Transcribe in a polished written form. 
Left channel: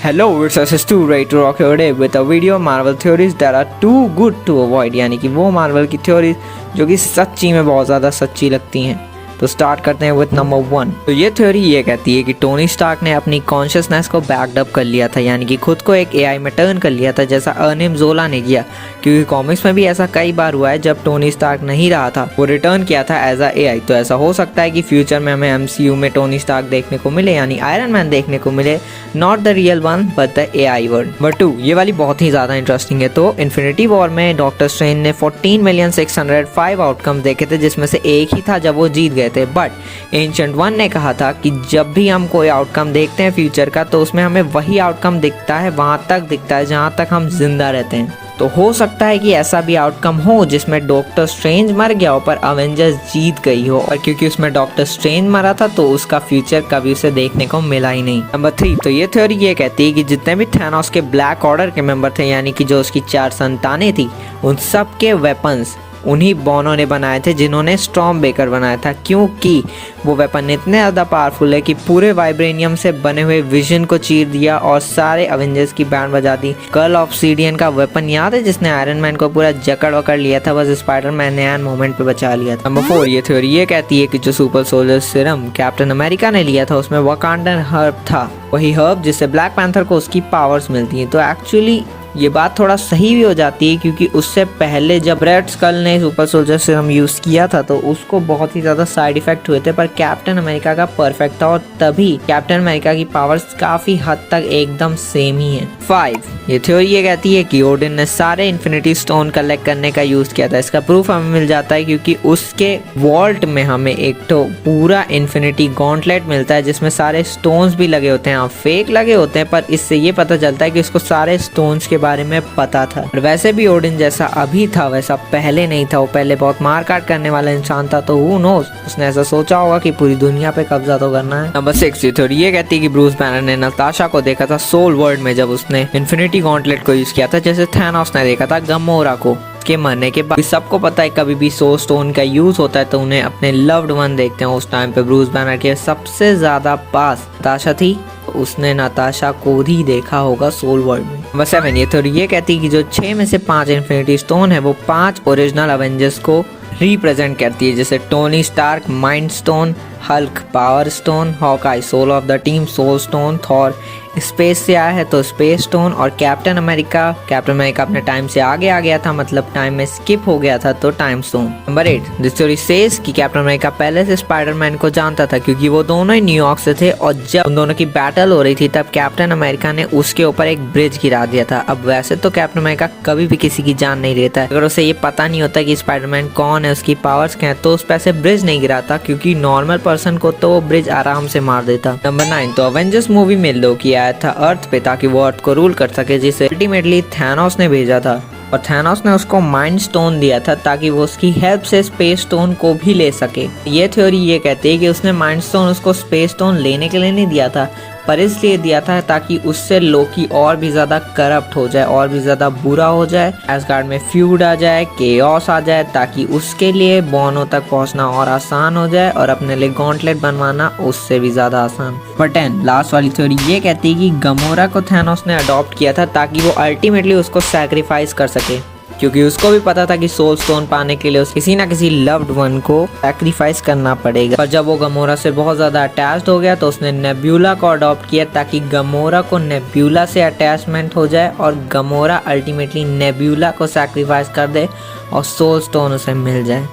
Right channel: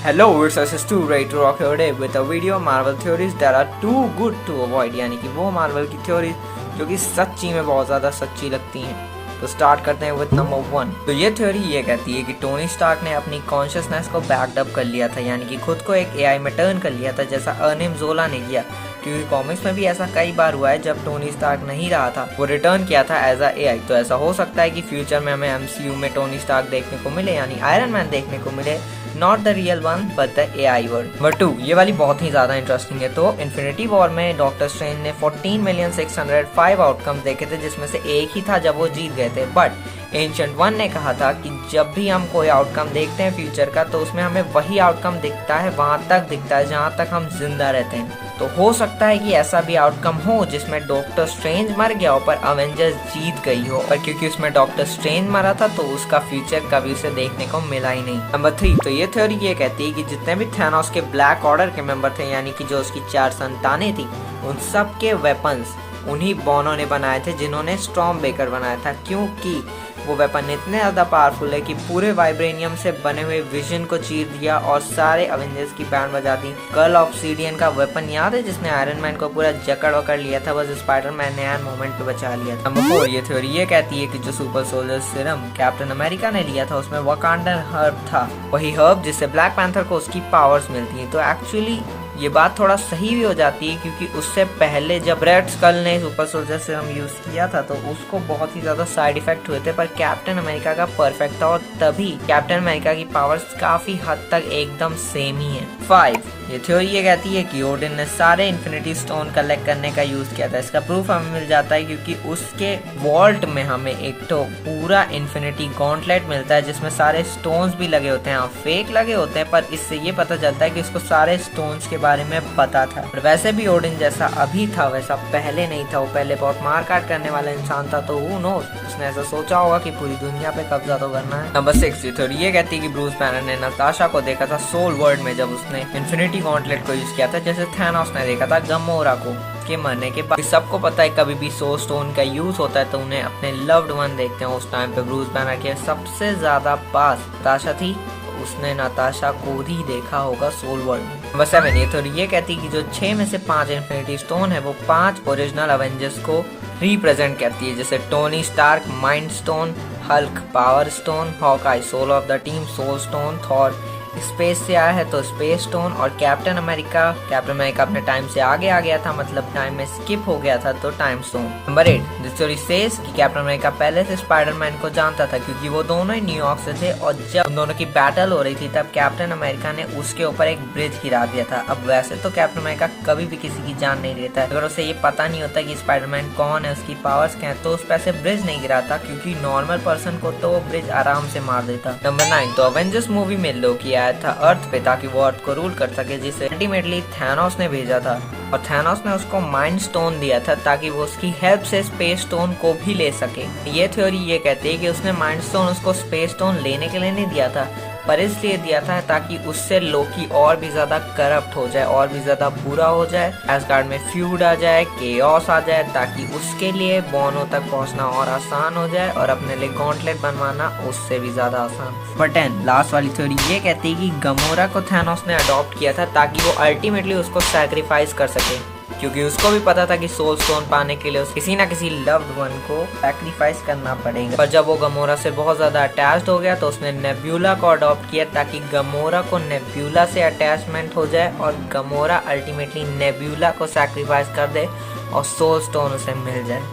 Hello, it's SS2 ready to rock your day with a video of Marvel theories that are too good to avoid। यानी कि वो Marvel की theories जो कि सच्ची में बहुत ज़्यादा सच्ची लगती हैं। तो स्टार्ट करते हैं विद नंबर 1। तो ये थ्योरी ये कहती है कि टोनी स्टार्क ने अपनी कॉन्शियसनेस को बैकडअप कर लिया था, यानी कि खुद को एक एआई में टर्न कर लिया था, जैसा अर्निम जोला ने किया। क्योंकि कॉमिक्स में भी ऐसा कई बार हुआ है, जब टोनी स्टार्क नहीं रहा था वो रिटर्न किया था एज अ एआई। तो ऐसा हो सकता है कि फ्यूचर में हमें एमसीयू में टोनी स्टार्क देखने को मिले, यानी आयरन मैन देखने को मिले, not the real one but the AI word. Number 2, ये वाली बहुत ही ज़्यादा इंटरेस्टिंग है। तो इन्फिनिटी वॉर में डॉक्टर स्ट्रेंज ने 14,605 आउटकम देखे थे, जिसमें से एक ही था जब वो जीत गए थे। बट एंशिएंट वन ने कहा था कि जब भी हम कोई आउटकम देखते हैं फ्यूचर का, तो उसमें हमें वही आउटकम दिखता है, वहाँ तक दिखता है जहाँ तक हम जिंदा रहते हैं। तो हो सकता है कि ऐसा भी आउटकम हो जिसमें डॉक्टर स्ट्रेंज मर गया हो पर अवेंजर्स जीत गई हो, और क्योंकि उसमें डॉक्टर स्ट्रेंज मरा था तो उसका फ्यूचर कभी उसे देखने को मिला ही नहीं। नंबर 3, तो ये थ्योरी ये कहती है कि जितने भी थैनोस के ब्लैक ऑर्डर के मेंबर थे, यानी कि जो उसकी 4 संतानें थी, उन सब के वेपन्स उन्हीं बॉनो ने बनाए थे, जिन्होंने स्टॉर्म बेकर बनाया था। क्योंकि वो वेपन इतने ज़्यादा पावरफुल है कि पूरे वाइब्रेनियम से बने हुए विजन को चीर दिया और सारे अवेंजर्स की बैंड बजा दी। कर्ल ऑब्सीडियन का वेपन याद है, जिसने आयरन मैन को पूरा जकड़ वकड़ लिया था, बस स्पाइडरमैन ने एंड मोमेंट पे बचा लिया था। नंबर 4, ये थ्योरी ये कहती है कि जो super soldier serum captain America ने लिया था, उसमें वकांडन हर्ब था, वही हर्ब जिससे ब्लैक पैंथर को उसकी पावर्स मिलती हैं। तो एक्चुअली ये बात थोड़ा सही भी हो जाती है, क्योंकि उससे पहले जब रेड स्कल ने सुपर सोल्जर सीरम यूज़ किया था तो उसको बहुत ही ज़्यादा साइड इफेक्ट हुए थे, पर कैप्टन अमेरिका का परफेक्ट था, और तभी कैप्टन अमेरिका की पावर्स काफ़ी हद तक एकदम सेम ही है। 5, ये थ्योरी ये कहती है कि ओडिन ने सारे इन्फिनिटी स्टोन कलेक्ट करने का यूज़ किया था। इसका प्रूफ हमें मिल जाता है क्योंकि उसके वॉल्ट में हमें एक तो पूरा इन्फिनिटी गॉन्टलेट मिलता है, जिसमें सारे स्टोन्स भी लगे होते हैं। फेक लगे होते हैं, पर इससे ये पता चलता है कि उसको सारे स्टोन्स के बारे में पता था। और वैसे भी ओडिन जैसा अभी था वैसा पहले नहीं था, वो पहले बहुत मार काट करने वाला इंसान था। तो हू नोस, उसने ऐसा सोचा होगा कि पूरी दुनिया पे कब्जा तो करना है। नंबर 6, ये थ्योरी ये कहती है कि ब्रूस बैनर ने नताशा को देखा था सोल वर्ल्ड में, जब उसने इन्फिनिटी गॉन्टलेट को यूज किया था, जैसे थैनोस ने देखा था गमोरा को के मरने के बाद। सबको पता है कभी भी सोल स्टोन का यूज होता है तो उन्हें अपने लव्ड वन देखते हैं। उस टाइम पे ब्रूस बैनर के सबसे ज्यादा पास नताशा थी, उसने नताशा को ही देखा होगा सोल वर्ल्ड में। नंबर 7, ये थ्योरी ये कहती है कि जो 6 में से 5 इन्फिनिटी स्टोन है, वो 5 ओरिजिनल अवेंजर्स को रिप्रेजेंट करती है, जैसे Tony Stark mind stone, Hulk power stone, Hawkeye soul of the team soul stone, Thor space से आया है तो स्पेस स्टोन, और कैप्टन अमेरिका अपने टाइम से आगे आ गया था, मतलब टाइम में स्किप हो गया था, तो time stone. Number 8, this theory says कि कैप्टन अमेरिका पहले से स्पाइडरमैन को जानता था, क्योंकि वो दोनों ही न्यूयॉर्क से थे, और जब उन दोनों की बैटल हो रही थी तब कैप्टन अमेरिका ने उसके ऊपर एक ब्रिज गिरा दिया था। अब वैसे तो कैप्टन अमेरिका कभी भी किसी की जान नहीं लेता है, अगर उसे ये पता नहीं होता कि स्पाइडरमैन कौन है, उसकी पावर्स क्या है, तो उस पर से ब्रिज नहीं गिराता, क्योंकि नॉर्मल पर्सन को तो वो ब्रिज आराम से मार देता। नंबर 9, तो अवेंजर्स मूवी में लोकी आया था अर्थ पे ताकि वो अर्थ को रूल कर सके, जिसे अल्टीमेटली थैनोस ने भेजा था, और थैनोस ने उसको माइंड स्टोन दिया था ताकि वो उसकी हेल्प से स्पेस स्टोन को भी ले सके। ये थ्योरी ये कहती है कि उसने माइंड स्टोन उसको स्पेस स्टोन लेने के लिए नहीं दिया था, पर इसलिए दिया था ताकि उससे लोकी और भी ज़्यादा करप्ट हो जाए, और भी ज़्यादा बुरा हो जाए, एसगार्ड में फ्यूड आ जाए, केओस आ जाए, ताकि उसके लिए बॉनो तक पहुंचना और आसान हो जाए, और अपने लिए गॉन्टलेट बनवाना उससे भी ज़्यादा आसान। नंबर 10, लास्ट वाली थ्योरी ये कहती है कि गमोरा को थैनोस ने अडॉप्ट किया था ताकि वो अल्टीमेटली उसको सैक्रिफाइस कर सके, क्योंकि उसको भी पता था कि सोल स्टोन पाने के लिए किसी ना किसी लव्ड वन को सैक्रिफाइस करना पड़ेगा। पर जब वो गमोरा से बहुत ज़्यादा अटैच्ड हो गया तो उसने नेब्यूला को अडॉप्ट किया, ताकि गमोरा को नेब्यूला से अटैचमेंट हो जाए, और गमोरा अल्टीमेटली नेब्यूला को सैक्रिफाइस कर दे और सोल स्टोन उसे मिल जाए।